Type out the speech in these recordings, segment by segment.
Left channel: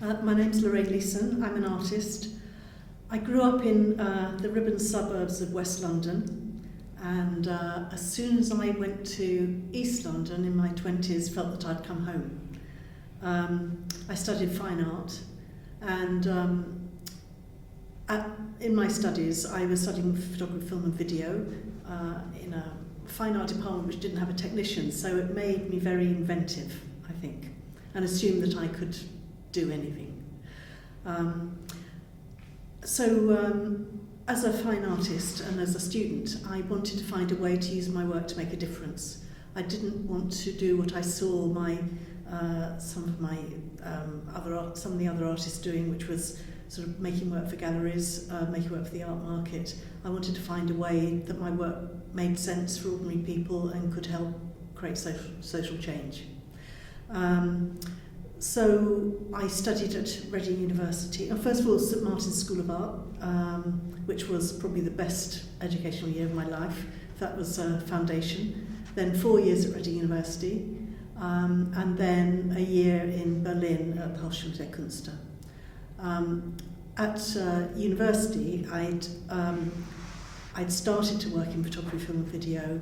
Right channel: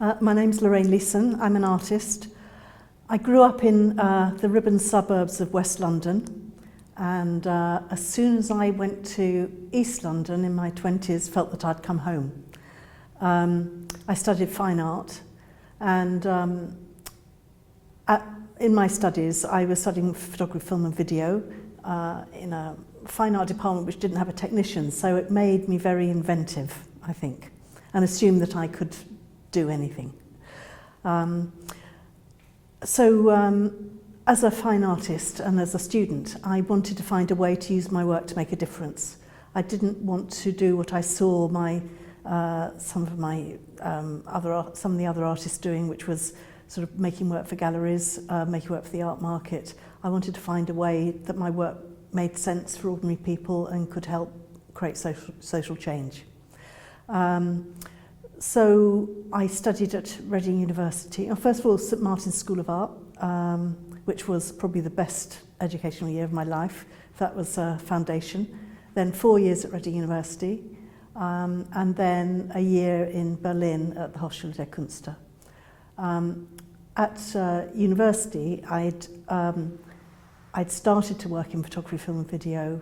My name's Lorraine. I'm an artist. I grew up in the Ribbon suburbs of West London, and as soon as I went to East London in my 20s, felt that I'd come home. I studied fine art, and in my studies I was studying photography, film and video in a fine art department which didn't have a technician, so it made me very inventive, I think, and assumed that I could do anything. As a fine artist and as a student, I wanted to find a way to use my work to make a difference. I didn't want to do what I saw some of the other artists doing, which was sort of making work for galleries, making work for the art market. I wanted to find a way that my work made sense for ordinary people and could help create social change. So I studied at Reading University. First of all, St Martin's School of Art, which was probably the best educational year of my life. That was a foundation. Then 4 years at Reading University, and then a year in Berlin at the Hochschule der Künste. At university, I'd started to work in photography, film and video,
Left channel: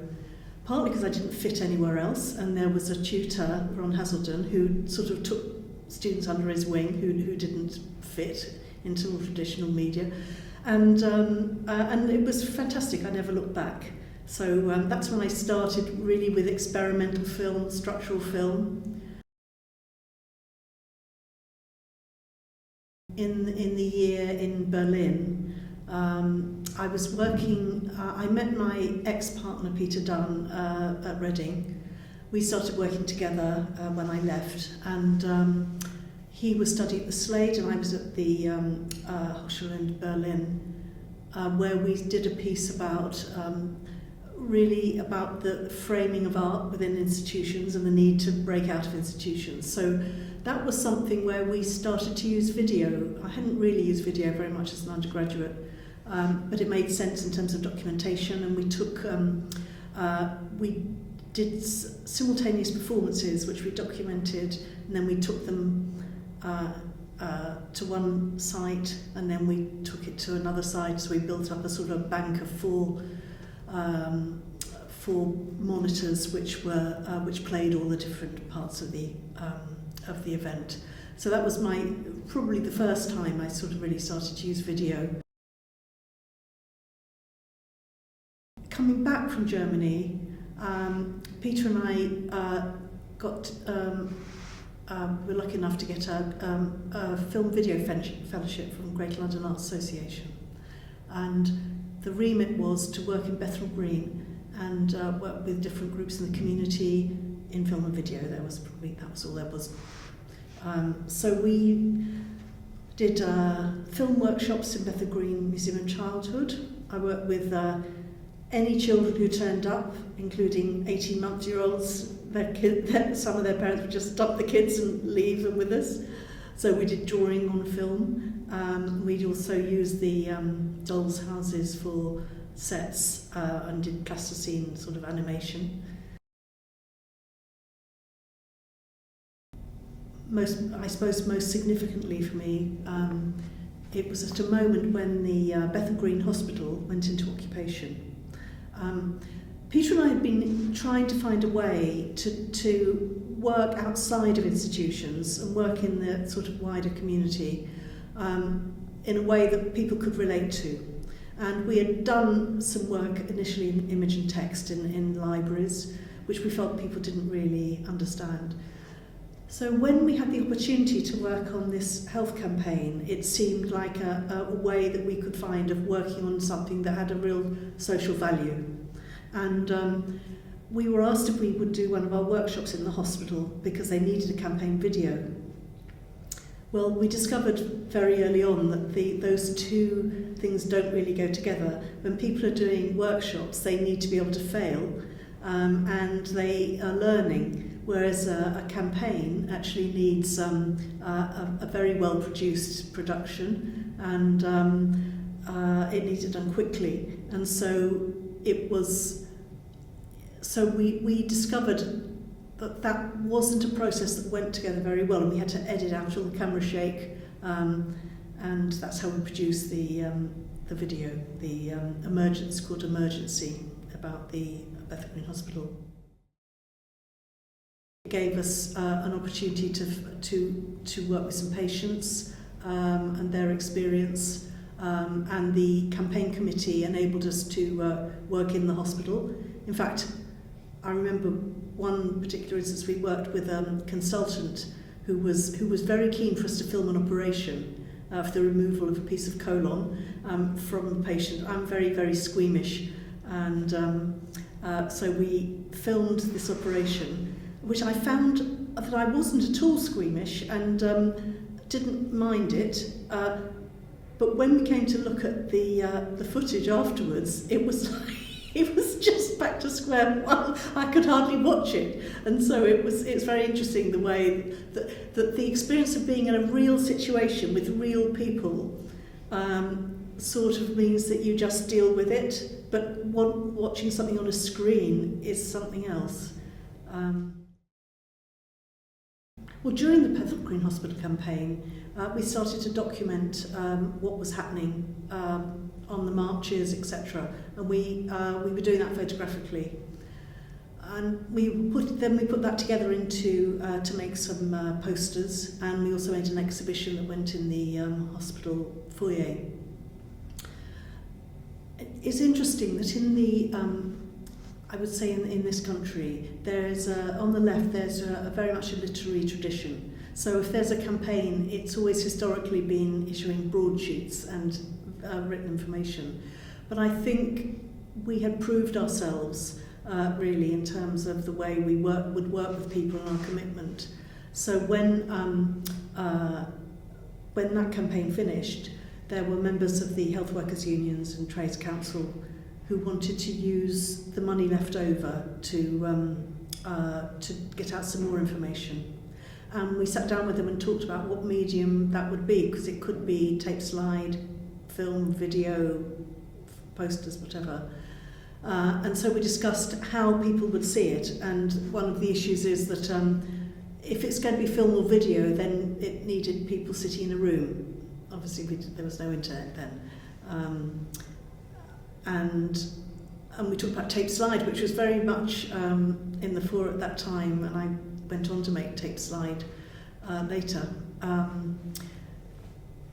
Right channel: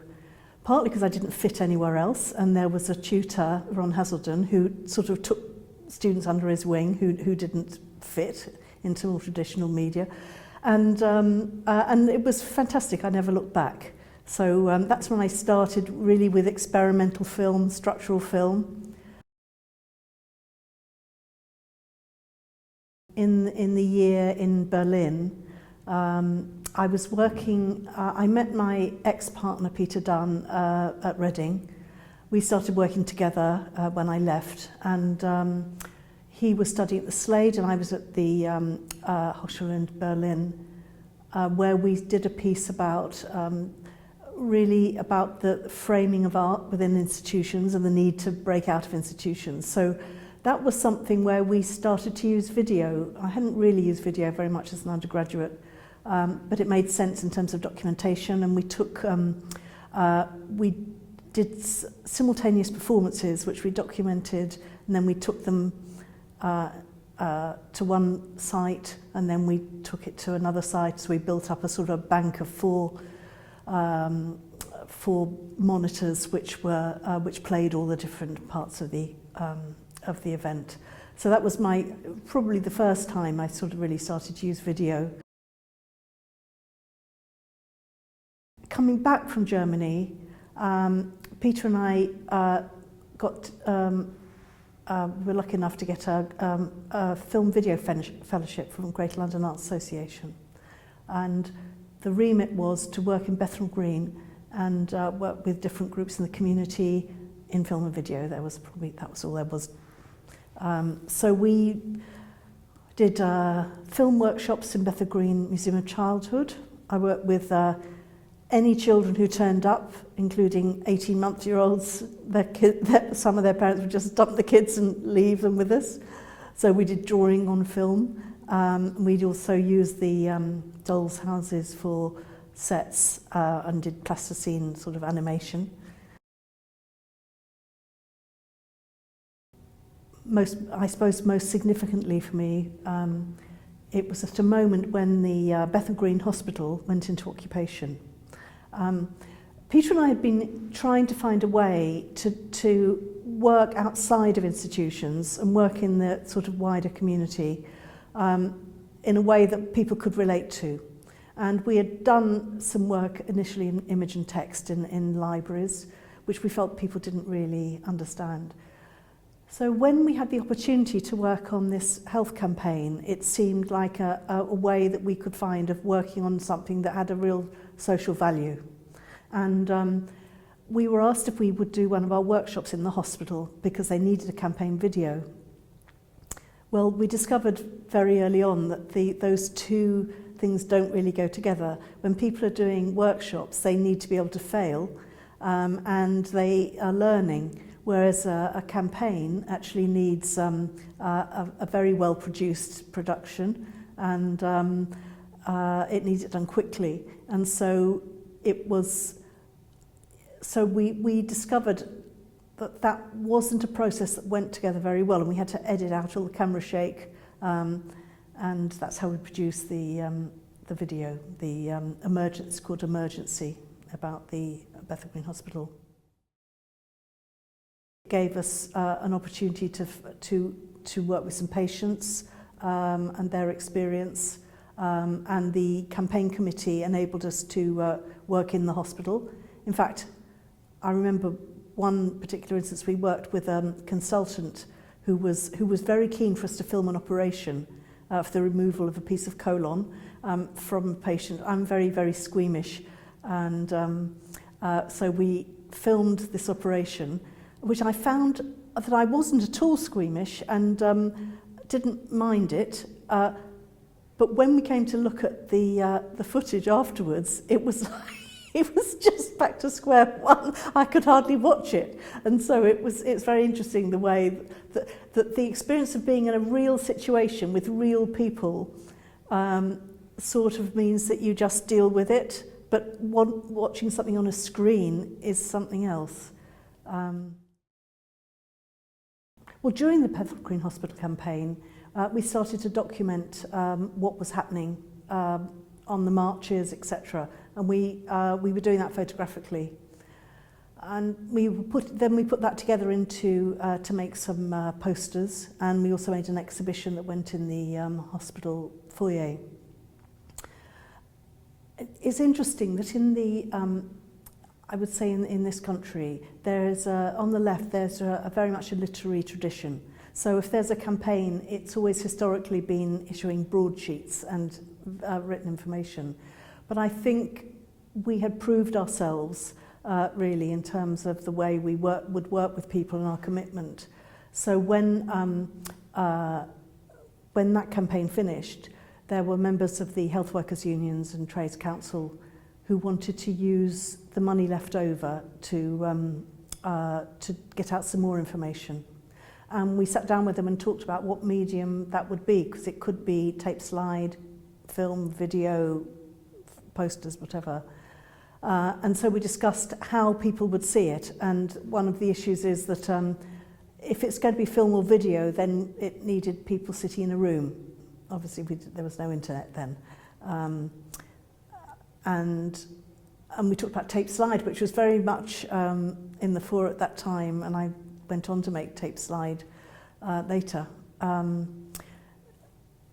partly because I didn't fit anywhere else, and there was a tutor, Ron Hazelden, who sort of took students under his wing who didn't fit into all traditional media, and it was fantastic. I never looked back. So that's when I started really with experimental film, structural film. In the year in Berlin, I was working, I met my ex-partner Peter Dunn at Reading. We started working together when I left, and he was studying at the Slade and I was at the Hochschule in Berlin, where we did a piece about really about the framing of art within institutions and the need to break out of institutions. So that was something where we started to use video. I hadn't really used video very much as an undergraduate, but it made sense in terms of documentation, and we took, we did simultaneous performances which we documented, and then we took them to one site and then we took it to another site, so we built up a sort of bank of four monitors which played all the different parts of the event. So that was probably the first time I sort of really started to use video. Coming back from Germany, Peter and I were lucky enough to get a film video fellowship from Greater London Arts Association, and the remit was to work in Bethnal Green and work with different groups in the community in film and video. That was all there was. So we did film workshops in Bethnal Green Museum of Childhood. I worked with any children who turned up, including 18-month-year-olds. Some of their parents would just dump the kids and leave them with us. So we did drawing on film. We'd also use the dolls' houses for sets and did plasticine sort of animation. I suppose most significantly for me, it was at a moment when the Bethnal Green Hospital went into occupation. Peter and I had been trying to find a way to work outside of institutions and work in the sort of wider community in a way that people could relate to. And we had done some work initially in image and text in libraries, which we felt people didn't really understand. So when we had the opportunity to work on this health campaign, it seemed like a way that we could find of working on something that had a real social value. And we were asked if we would do one of our workshops in the hospital because they needed a campaign video. Well, we discovered very early on that those two things don't really go together. When people are doing workshops, they need to be able to fail, and they are learning. Whereas a campaign actually needs a very well-produced production, and it needs it done quickly. And so we discovered that wasn't a process that went together very well, and we had to edit out all the camera shake, and that's how we produced the video, the emergency, called Emergency, about the Bethnal Green Hospital. It gave us an opportunity to work with some patients and their experience, and the campaign committee enabled us to work in the hospital. In fact, I remember one particular instance. We worked with a consultant who was very keen for us to film an operation for the removal of a piece of colon from a patient. I'm very, very squeamish, and so we filmed this operation, which I found that I wasn't at all squeamish and didn't mind it. But when we came to look at the footage afterwards, it was it was just back to square one. I could hardly watch it, and so it's very interesting the way that the experience of being in a real situation with real people sort of means that you just deal with it, but watching something on a screen is something else. Well, during the Bethnal Green Hospital campaign, we started to document what was happening on the marches, etc. And we were doing that photographically. And we put that together into to make some posters, and we also made an exhibition that went in the hospital foyer. It's interesting that in the I would say in this country, there is on the left there's a very much a literary tradition. So if there's a campaign, it's always historically been issuing broadsheets and written information. But I think we had proved ourselves really in terms of the way we would work with people and our commitment. So when that campaign finished, there were members of the health workers unions and trades council who wanted to use the money left over to get out some more information. And we sat down with them and talked about what medium that would be, because it could be tape slide, film, video, posters, whatever. And so we discussed how people would see it, and one of the issues is that if it's going to be film or video, then it needed people sitting in a room. Obviously there was no internet then. And we talked about tape slide, which was very much in the fore at that time, and I went on to make tape slide later.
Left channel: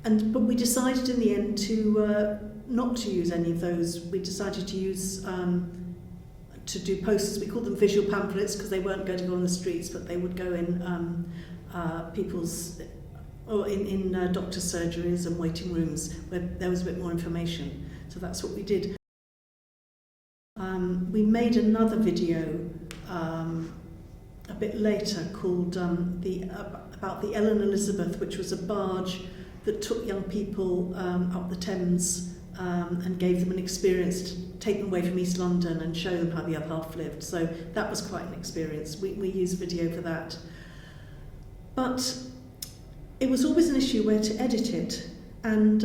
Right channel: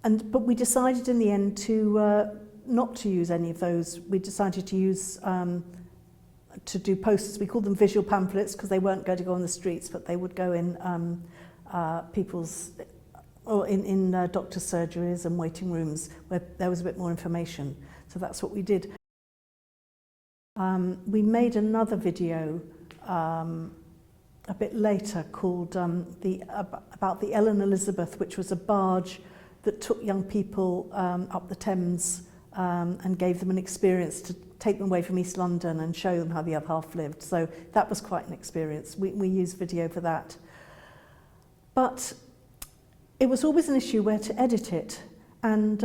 But we decided in the end to not to use any of those. We decided to use to do posters. We called them visual pamphlets because they weren't going to go on the streets, but they would go in people's or in doctors' surgeries and waiting rooms where there was a bit more information. So that's what we did. We made another video a bit later called about the Ellen Elizabeth, which was a barge that took young people up the Thames and gave them an experience to take them away from East London and show them how the other half lived. So that was quite an experience. We used video for that. But it was always an issue where to edit it. And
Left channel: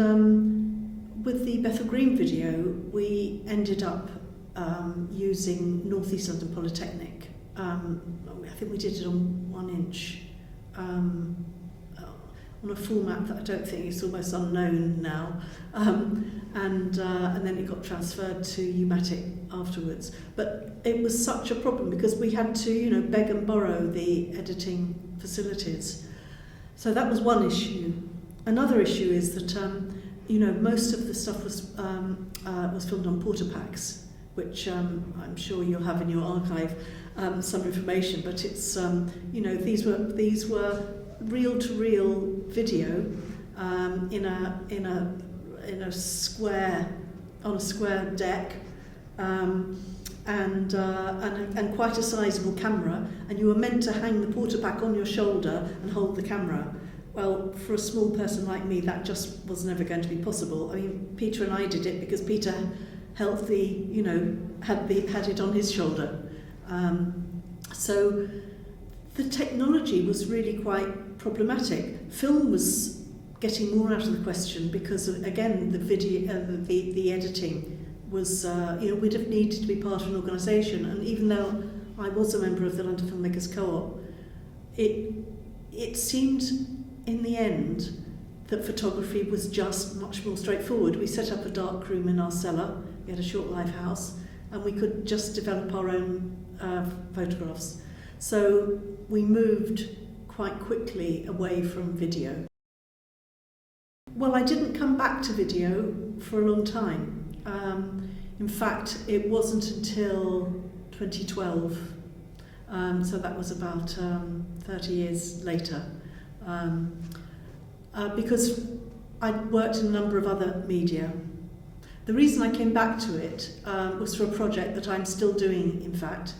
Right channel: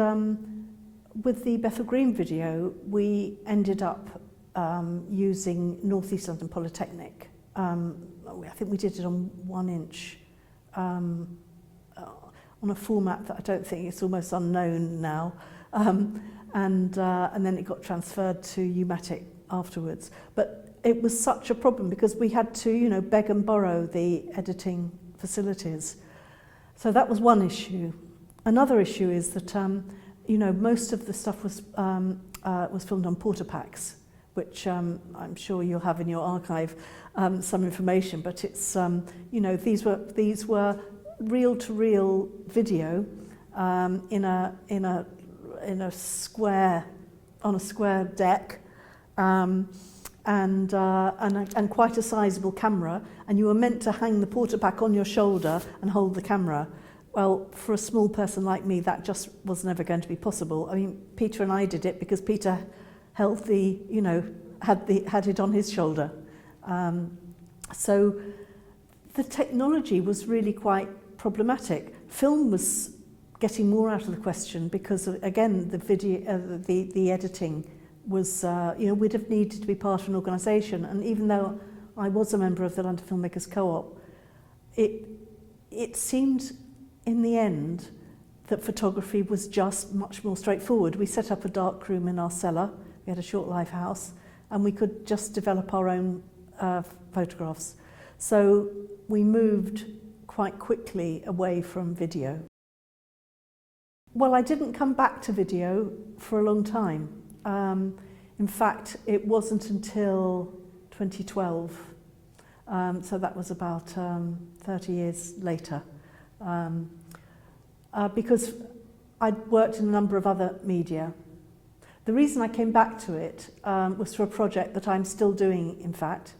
with the Bethnal Green video, we ended up using North East London Polytechnic. I think we did it on 1 inch, on a format that I don't think is almost unknown now. And then it got transferred to U-matic afterwards. But it was such a problem because we had to, beg and borrow the editing facilities. So that was one issue. Another issue is that, most of the stuff was filmed on Portapacks, which I'm sure you'll have in your archive some information. But it's, these were reel-to-reel video in a square, on a square deck, and quite a sizable camera, and you were meant to hang the Portapack on your shoulder and hold the camera. Well, for a small person like me, that just was never going to be possible. I mean, Peter and I did it because Peter held had it on his shoulder. So the technology was really quite problematic. Film was getting more out of the question because of, again, the video, the editing was, we'd have needed to be part of an organisation, and even though I was a member of the London Filmmakers Co-op, it seemed in the end that photography was just much more straightforward. We set up a dark room in our cellar, we had a short live house, and we could just develop our own photographs. So we moved quite quickly away from video. Well, I didn't come back to video for a long time. In fact, it wasn't until 2012, so that was about 30 years later, because I'd worked in a number of other media. The reason I came back to it was for a project that I'm still doing, in fact,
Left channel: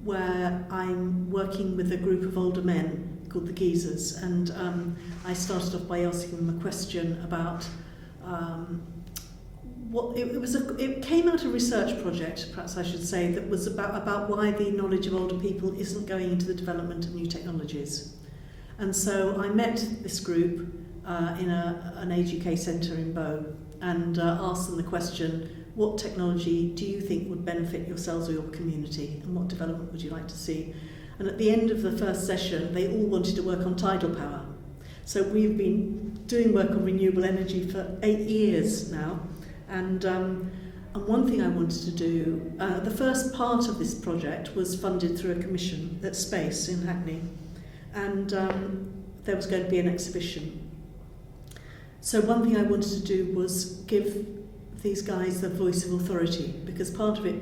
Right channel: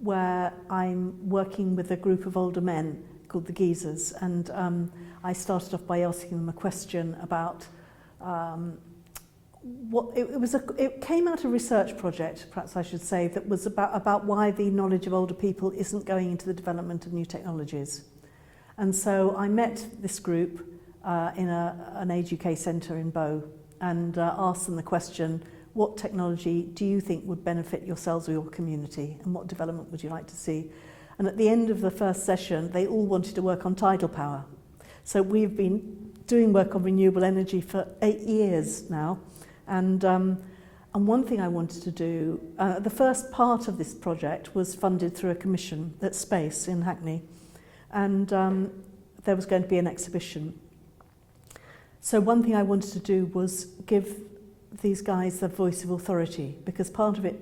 where I'm working with a group of older men called the Geezers, and I started off by asking them a question about it came out of a research project, perhaps I should say, that was about why the knowledge of older people isn't going into the development of new technologies. And so I met this group in an Age UK centre in Bow and asked them the question, what technology do you think would benefit yourselves or your community, and what development would you like to see? And at the end of the first session, they all wanted to work on tidal power. So we've been doing work on renewable energy for 8 years now. And one thing I wanted to do, the first part of this project was funded through a commission at Space in Hackney. And there was going to be an exhibition. So one thing I wanted to do was give these guys the voice of authority, because part of it,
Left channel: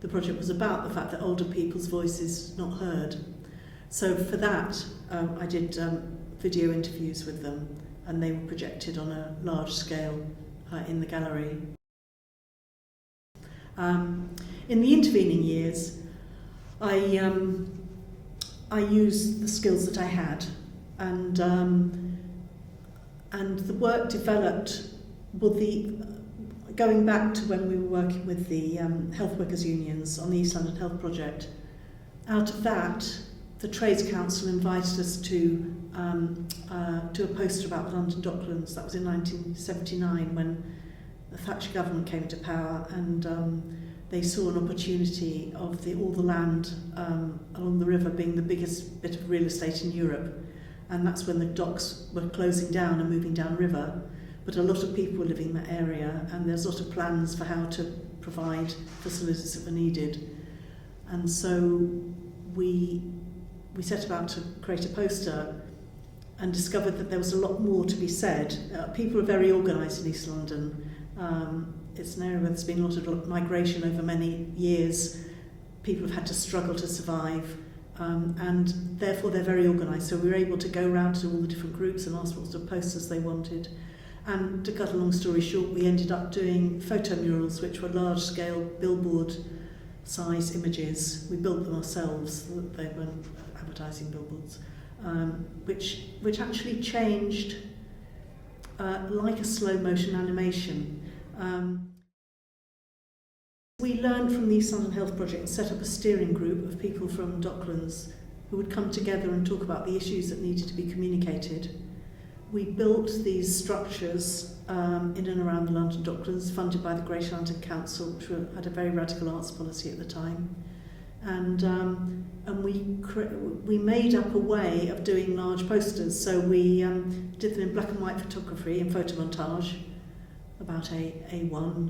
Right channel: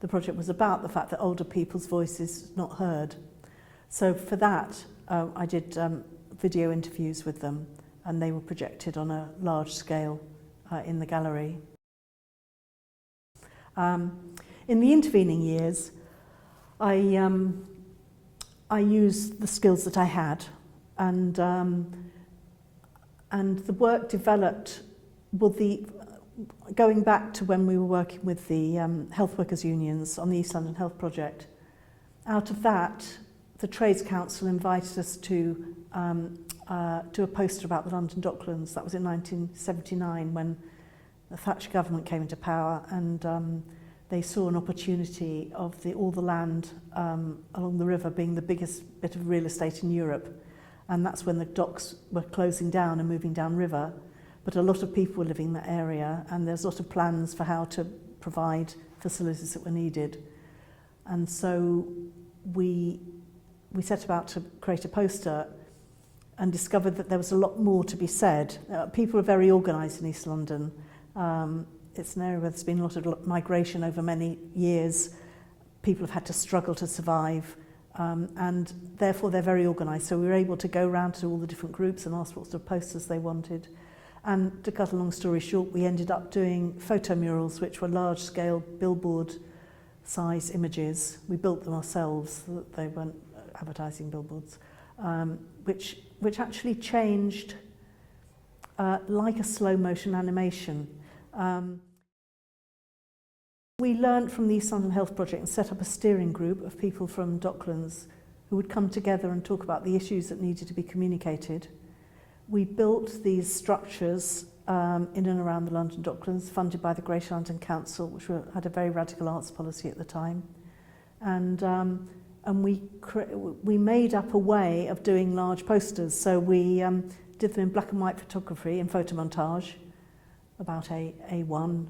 the project was about the fact that older people's voice is not heard. So for that, I did video interviews with them, and they were projected on a large scale in the gallery. In the intervening years, I used the skills that I had, and the work developed. Well, going back to when we were working with the health workers unions on the East London Health Project, out of that, the Trades Council invited us to do a poster about the London Docklands. That was in 1979 when the Thatcher government came into power, and they saw an opportunity of all the land along the river being the biggest bit of real estate in Europe, and that's when the docks were closing down and moving downriver. But a lot of people were living in that area, and there's a lot of plans for how to provide facilities that were needed. And so we set about to create a poster and discovered that there was a lot more to be said. People are very organised in East London. It's an area where there's been a lot of migration over many years. People have had to struggle to survive, and therefore they're very organised. So we were able to go around to all the different groups and ask what sort of posters they wanted. And to cut a long story short, we ended up doing photomurals, which were large-scale billboard-size images. We built them ourselves, so that they weren't advertising billboards, which actually changed like a slow-motion animation. We learned from the East London Health Project and set up a steering group of people from Docklands who would come together and talk about the issues that needed to be communicated. We built these structures in and around the London Docklands, funded by the Greater London Council, which had a very radical arts policy at the time. And we made up a way of doing large posters. So we did them in black and white photography, in photomontage, about A1,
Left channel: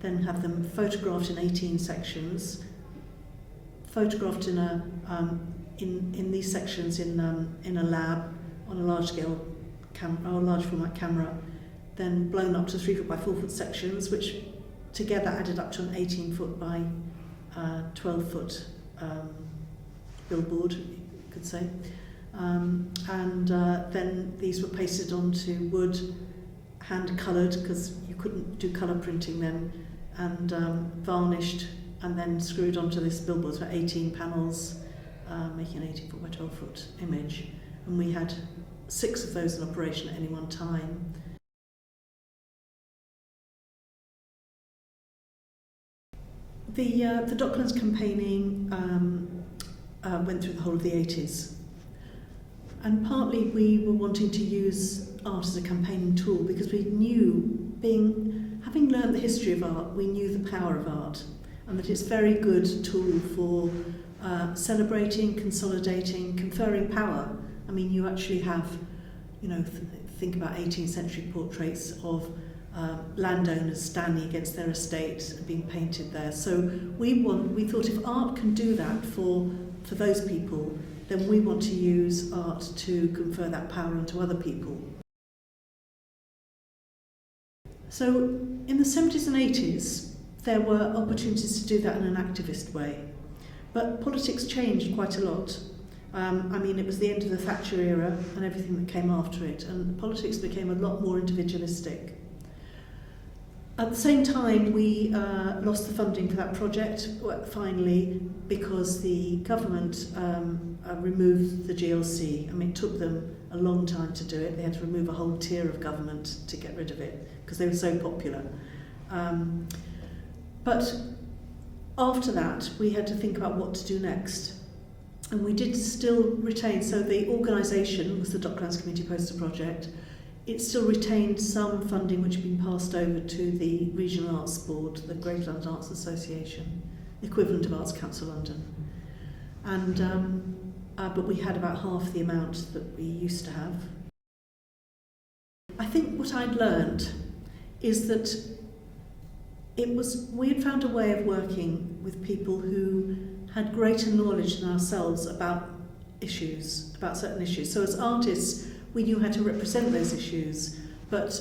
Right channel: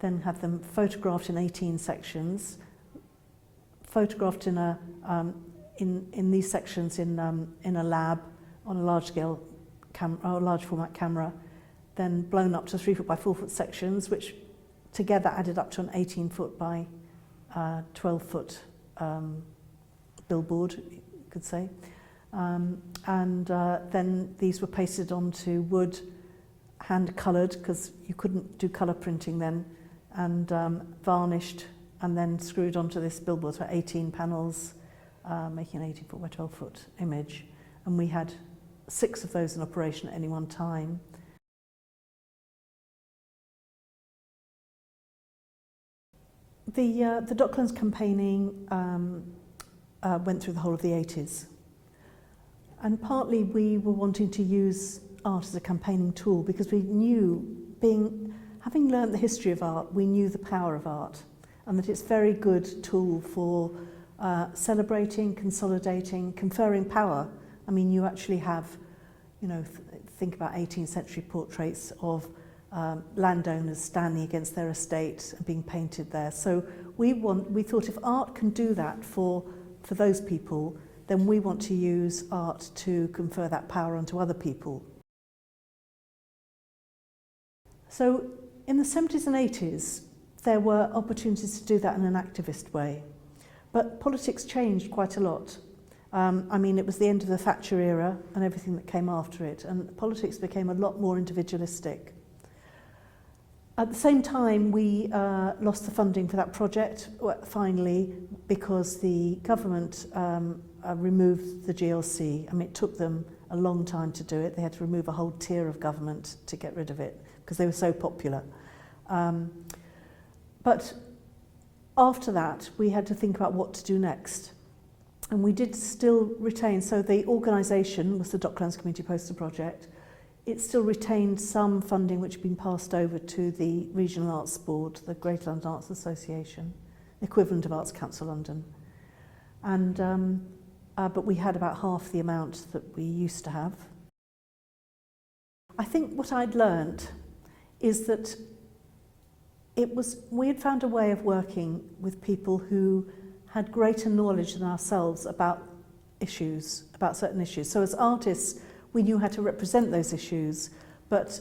then have them photographed in 18 sections, photographed in these sections in a lab on a large scale camera, or a large format camera, then blown up to 3 foot by 4 foot sections, which together added up to an 18 foot by 12 foot billboard, you could say. Then these were pasted onto wood, hand coloured, because you couldn't do colour printing then, and varnished, and then screwed onto this billboard, so 18 panels, making an 18 foot by 12 foot image. And we had 6 of those in operation at any one time. The Docklands campaigning went through the whole of the 80s. And partly we were wanting to use art as a campaigning tool because we knew, having learned the history of art, we knew the power of art. and that it's a very good tool for celebrating, consolidating, conferring power. I mean, you actually have, you know, think about 18th century portraits of landowners standing against their estate and being painted there. So we thought if art can do that for those people, then we want to use art to confer that power onto other people. So in the 70s and 80s, there were opportunities to do that in an activist way. But politics changed quite a lot. I mean, it was the end of the Thatcher era and everything that came after it, and politics became a lot more individualistic. At the same time, we lost the funding for that project, finally, because the government removed the GLC. I mean, it took them a long time to do it. They had to remove a whole tier of government to get rid of it, because they were so popular. But after that, we had to think about what to do next. And we did still retain, so the organisation was the Docklands Community Poster Project. It still retained some funding which had been passed over to the Regional Arts Board, the Greater London Arts Association, equivalent of Arts Council London. And but we had about half the amount that we used to have. I think what I'd learned is that we had found a way of working with people who had greater knowledge than ourselves about issues, about certain issues. So as artists, we knew how to represent those issues, but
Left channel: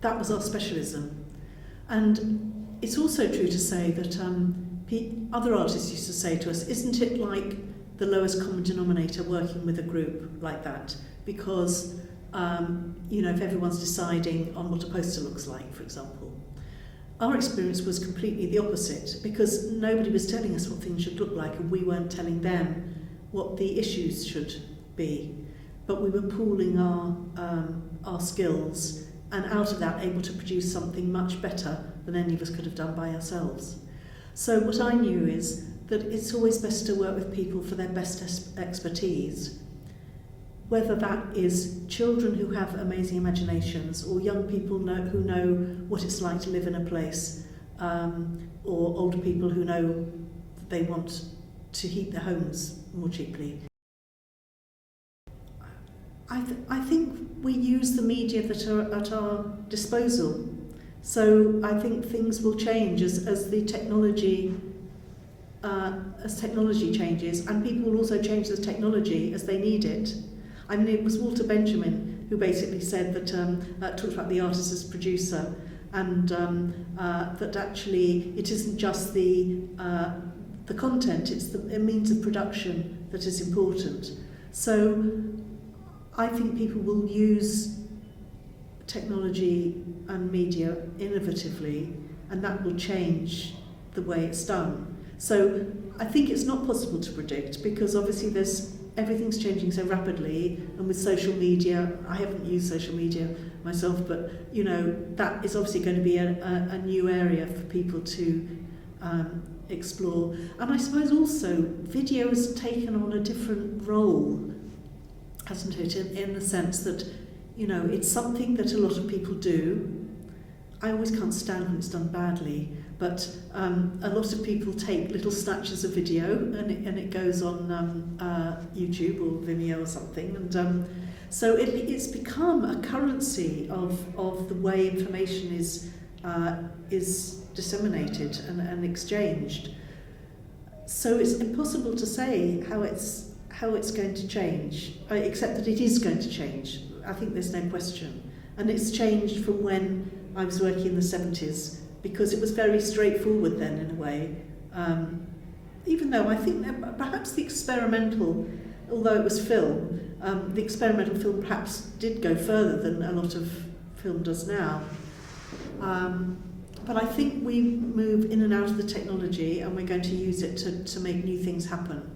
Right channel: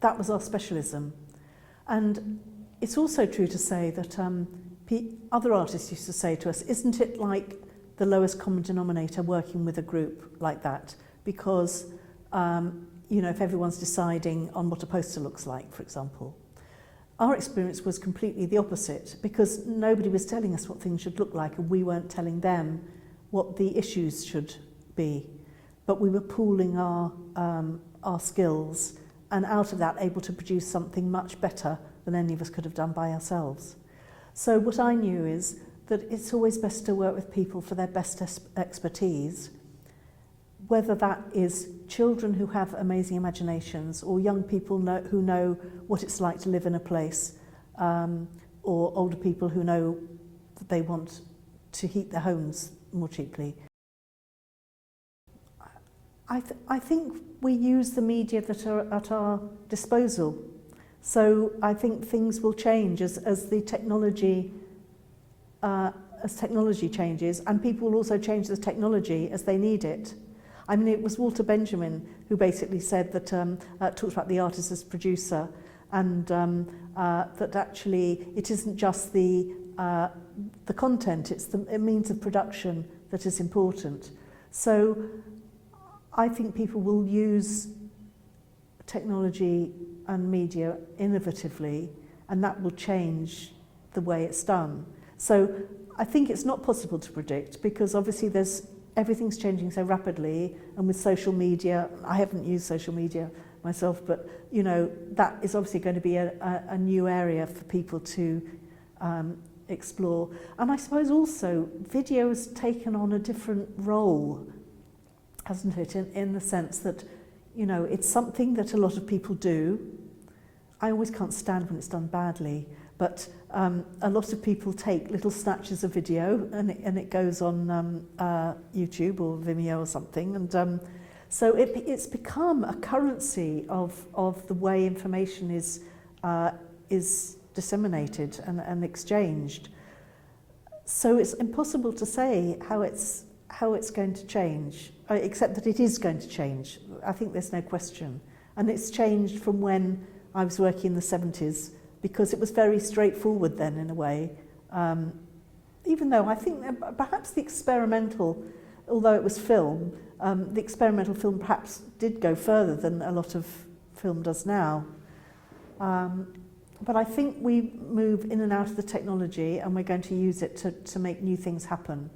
that was our specialism. And it's also true to say that other artists used to say to us, isn't it like the lowest common denominator working with a group like that? Because, you know, if everyone's deciding on what a poster looks like, for example. Our experience was completely the opposite, because nobody was telling us what things should look like and we weren't telling them what the issues should be. But we were pooling our skills, and out of that able to produce something much better than any of us could have done by ourselves. So what I knew is that it's always best to work with people for their best expertise, whether that is children who have amazing imaginations or young people who know what it's like to live in a place, or older people who know that they want to heat their homes more cheaply. I think we use the media that are at our disposal. So I think things will change as the technology changes, and people will also change the technology as they need it. I mean, it was Walter Benjamin who basically said that, talked about the artist as producer, and that actually it isn't just the content, it's the means of production that is important. So I think people will use technology and media innovatively, and that will change the way it's done. So I think it's not possible to predict, because obviously everything's changing so rapidly, and with social media, I haven't used social media myself, but you know, that is obviously going to be a new area for people to explore. And I suppose also video has taken on a different role, hasn't it, in the sense that, you know, it's something that a lot of people do. I always can't stand when it's done badly, but a lot of people take little snatches of video and it goes on YouTube or Vimeo or something, and so it's become a currency of the way information is disseminated and exchanged. So it's impossible to say how it's going to change, except that it is going to change. I think there's no question. And it's changed from when I was working in the 70s, because it was very straightforward then in a way. Even though I think that perhaps the experimental, although it was film, the experimental film perhaps did go further than a lot of film does now. But I think we move in and out of the technology, and we're going to use it to make new things happen.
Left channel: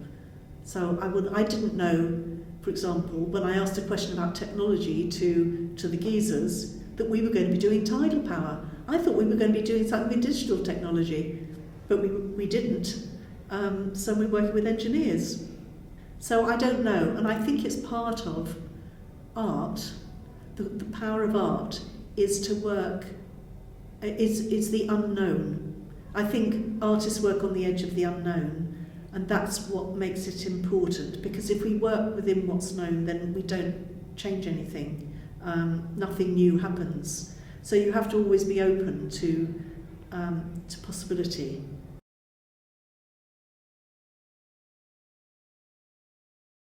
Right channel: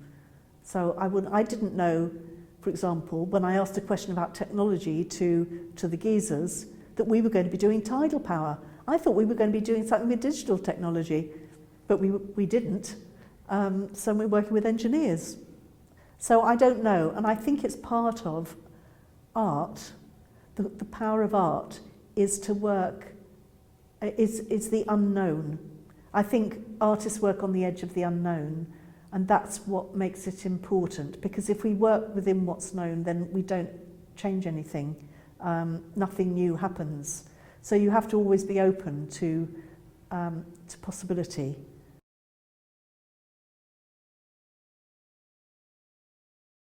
So I didn't know, for example, when I asked a question about technology to the geezers, that we were going to be doing tidal power. I thought we were going to be doing something with digital technology, but we didn't. So we're working with engineers. So I don't know, and I think it's part of art. The power of art is to work, is the unknown. I think artists work on the edge of the unknown, and that's what makes it important, because if we work within what's known, then we don't change anything. Nothing new happens. So you have to always be open to possibility.